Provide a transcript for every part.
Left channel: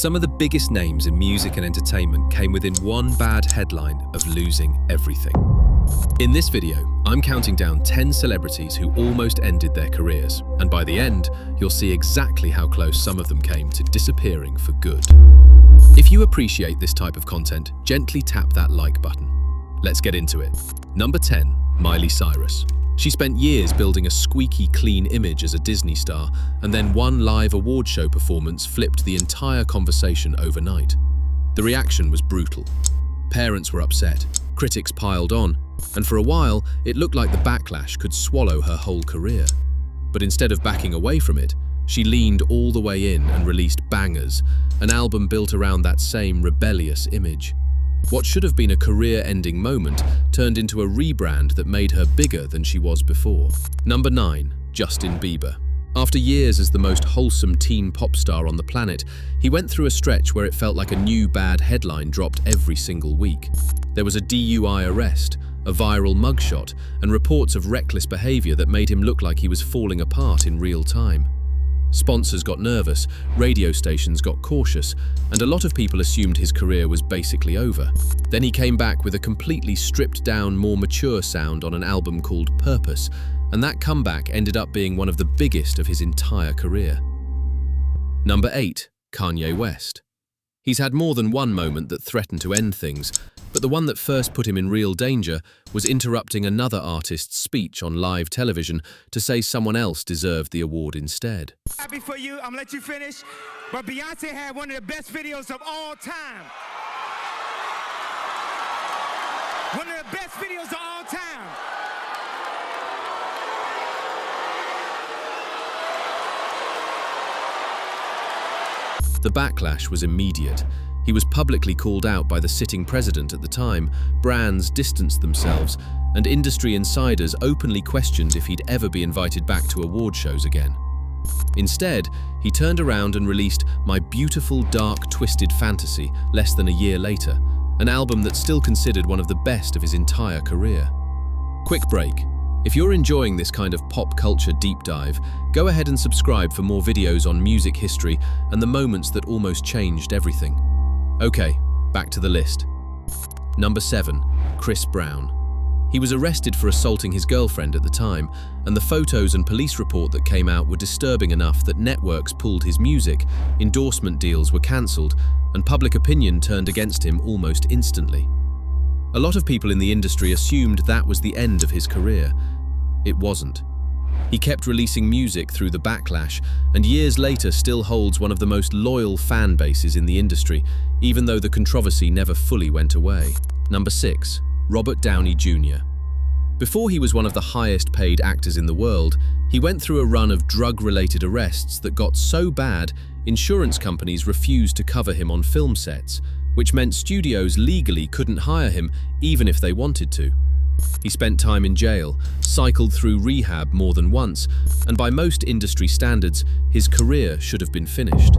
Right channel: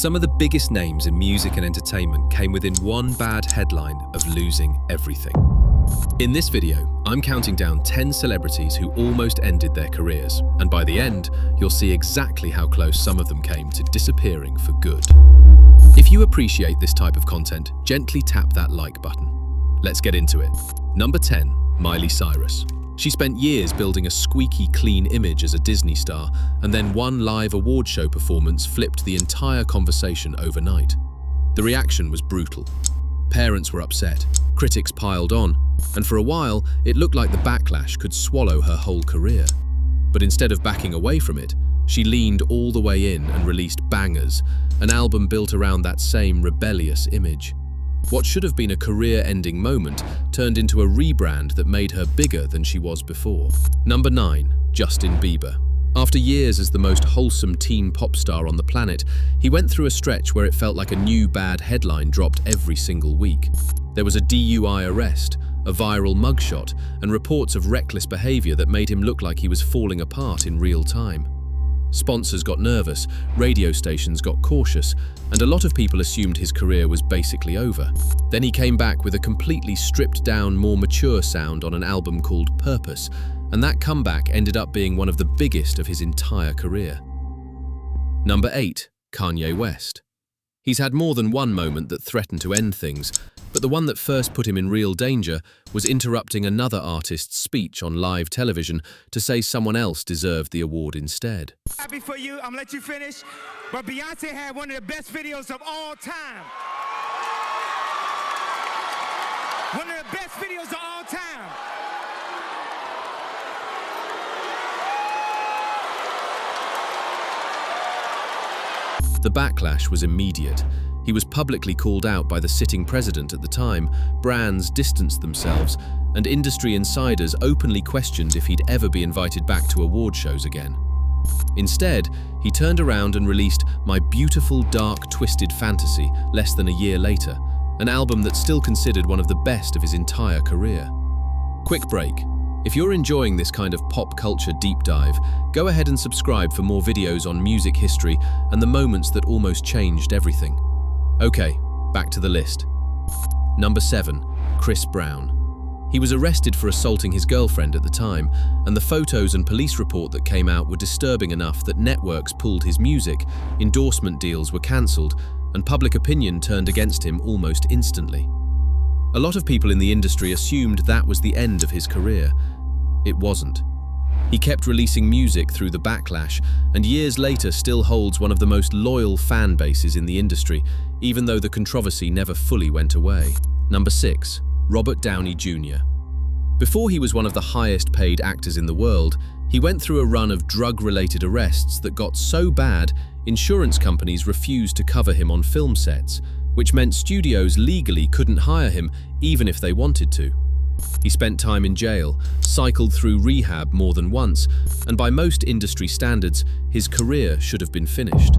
Some of the biggest names in music and entertainment came within one bad headline of losing everything. In this video, I'm counting down 10 celebrities who almost ended their careers, and by the end, you'll see exactly how close some of them came to disappearing for good. If you appreciate this type of content, gently tap that like button. Let's get into it. Number 10, Miley Cyrus. She spent years building a squeaky clean image as a Disney star, and then one live award show performance flipped the entire conversation overnight. The reaction was brutal. Parents were upset, critics piled on, and for a while, it looked like the backlash could swallow her whole career. But instead of backing away from it, she leaned all the way in and released Bangers, an album built around that same rebellious image. What should have been a career-ending moment turned into a rebrand that made her bigger than she was before. Number 9, Justin Bieber. After years as the most wholesome teen pop star on the planet, he went through a stretch where it felt like a new bad headline dropped every single week. There was a DUI arrest, a viral mugshot, and reports of reckless behavior that made him look like he was falling apart in real time. Sponsors got nervous, radio stations got cautious, and a lot of people assumed his career was basically over. Then he came back with a completely stripped-down, more mature sound on an album called Purpose, and that comeback ended up being one of the biggest of his entire career. Number 8, Kanye West. He's had more than one moment that threatened to end things, but the one that first put him in real danger was interrupting another artist's speech on live television to say someone else deserved the award instead. Happy for you, I'm gonna let you finish, but Beyonce had one of the best videos of all time. One of the best videos of all time. The backlash was immediate. He was publicly called out by the sitting president at the time, brands distanced themselves, and industry insiders openly questioned if he'd ever be invited back to award shows again. Instead, he turned around and released My Beautiful Dark Twisted Fantasy less than a year later, an album that's still considered one of the best of his entire career. Quick break. If you're enjoying this kind of pop culture deep dive, go ahead and subscribe for more videos on music history and the moments that almost changed everything. Okay, back to the list. Number 7, Chris Brown. He was arrested for assaulting his girlfriend at the time, and the photos and police report that came out were disturbing enough that networks pulled his music, endorsement deals were cancelled, and public opinion turned against him almost instantly. A lot of people in the industry assumed that was the end of his career. It wasn't. He kept releasing music through the backlash, and years later still holds one of the most loyal fan bases in the industry, even though the controversy never fully went away. Number 6, Robert Downey Jr. Before he was one of the highest paid actors in the world, he went through a run of drug-related arrests that got so bad, insurance companies refused to cover him on film sets, which meant studios legally couldn't hire him even if they wanted to. He spent time in jail, cycled through rehab more than once, and by most industry standards, his career should have been finished.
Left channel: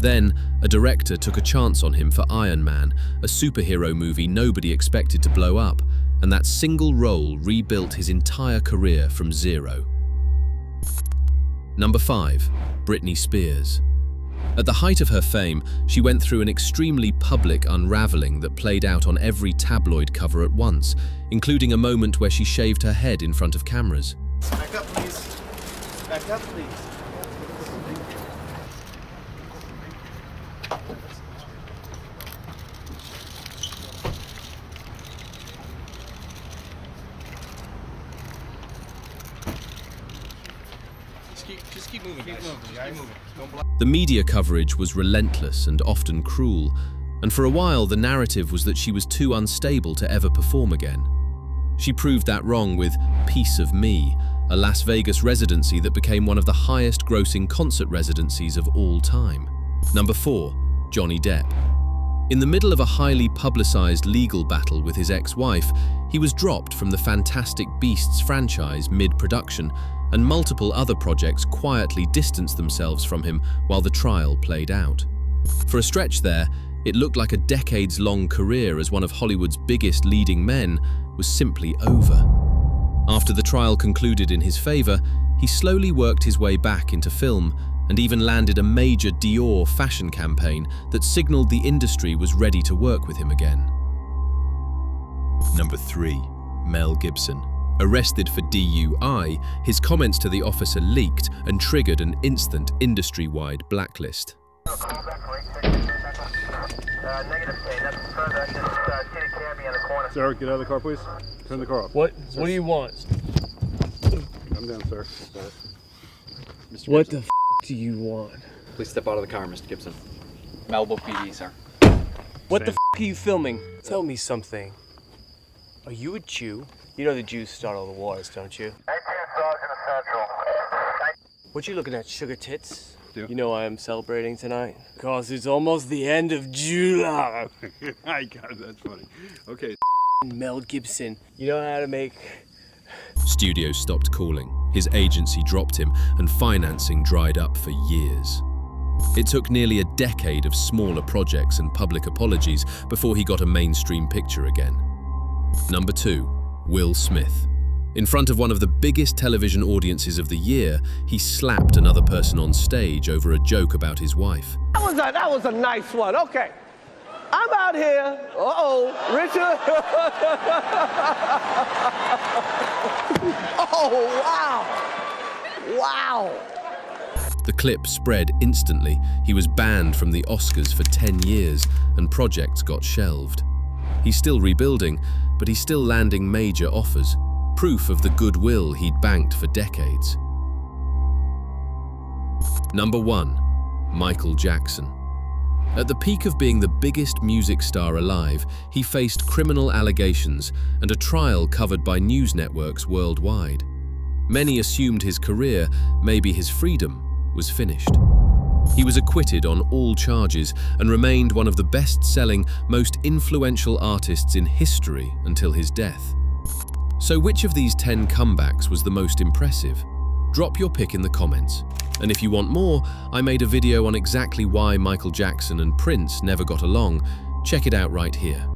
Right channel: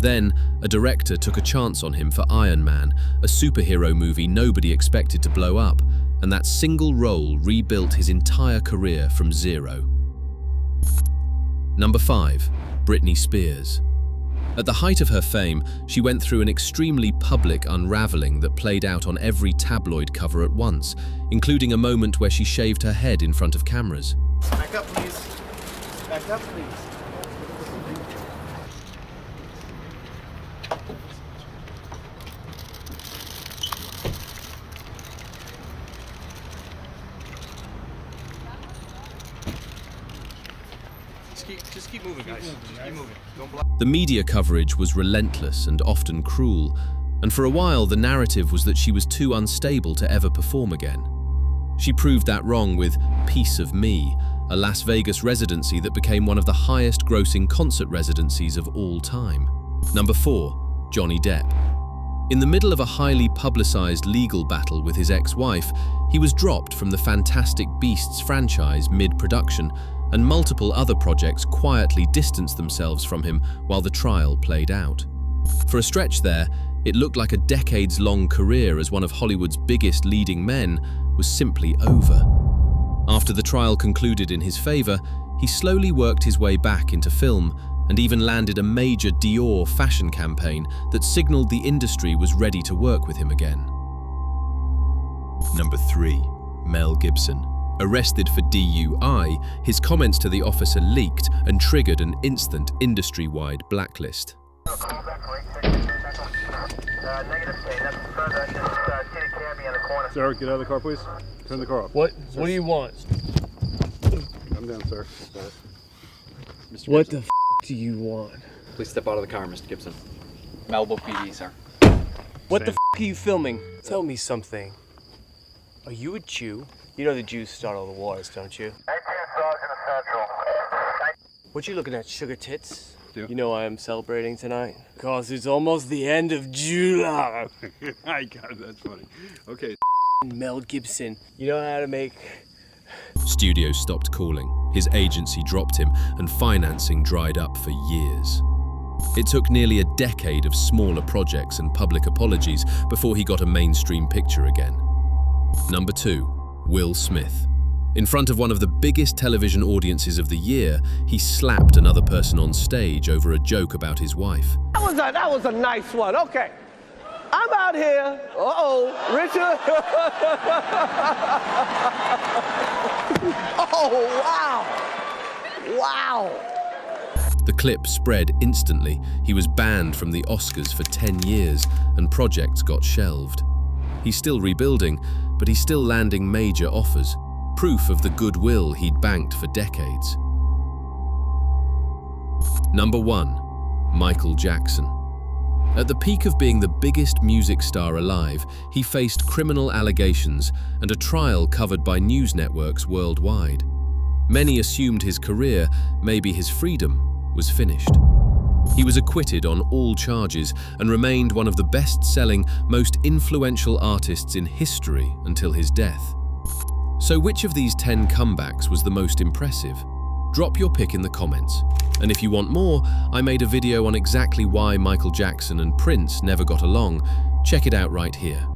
Then, a director took a chance on him for Iron Man, a superhero movie nobody expected to blow up, and that single role rebuilt his entire career from zero. Number 5, Britney Spears. At the height of her fame, she went through an extremely public unraveling that played out on every tabloid cover at once, including a moment where she shaved her head in front of cameras. Back up, please. Back up, please. Just keep moving, guys. Just keep moving. Don't block. The media coverage was relentless and often cruel, and for a while the narrative was that she was too unstable to ever perform again. She proved that wrong with Piece of Me, a Las Vegas residency that became one of the highest-grossing concert residencies of all time. Number 4, Johnny Depp. In the middle of a highly publicized legal battle with his ex-wife, he was dropped from the Fantastic Beasts franchise mid-production, and multiple other projects quietly distanced themselves from him while the trial played out. For a stretch there, it looked like a decades-long career as one of Hollywood's biggest leading men was simply over. After the trial concluded in his favor, he slowly worked his way back into film and even landed a major Dior fashion campaign that signaled the industry was ready to work with him again. Number 3. Mel Gibson. Arrested for DUI, his comments to the officer leaked and triggered an instant industry-wide blacklist. Sir, get out of the car, please. Turn the car off. What do you want? Come down, sir. Mr. What Gibson. The do you want? Please step out of the car, Mr. Gibson. Malibu PD, sir. What the are you filming? Tell me something. Are you a Jew? You know the Jews start all the wars, don't you? What you looking at, sugar tits? Yeah. You know why I'm celebrating tonight? Because it's almost the end of July. I got it, that's funny. Okay. Mel Gibson, you know how to make... Studios stopped calling, his agency dropped him, and financing dried up for years. It took nearly a decade of smaller projects and public apologies before he got a mainstream picture again. Number 2. Will Smith. In front of one of the biggest television audiences of the year, he slapped another person on stage over a joke about his wife. That was a nice one. Okay. I'm out here. Richard. Oh, wow. Wow. The clip spread instantly. He was banned from the Oscars for 10 years, and projects got shelved. He's still rebuilding, but he's still landing major offers, proof of the goodwill he'd banked for decades. Number 1. Michael Jackson. At the peak of being the biggest music star alive, he faced criminal allegations and a trial covered by news networks worldwide. Many assumed his career, maybe his freedom, was finished. He was acquitted on all charges and remained one of the best-selling, most influential artists in history until his death. So which of these 10 comebacks was the most impressive? Drop your pick in the comments. And if you want more, I made a video on exactly why Michael Jackson and Prince never got along. Check it out right here.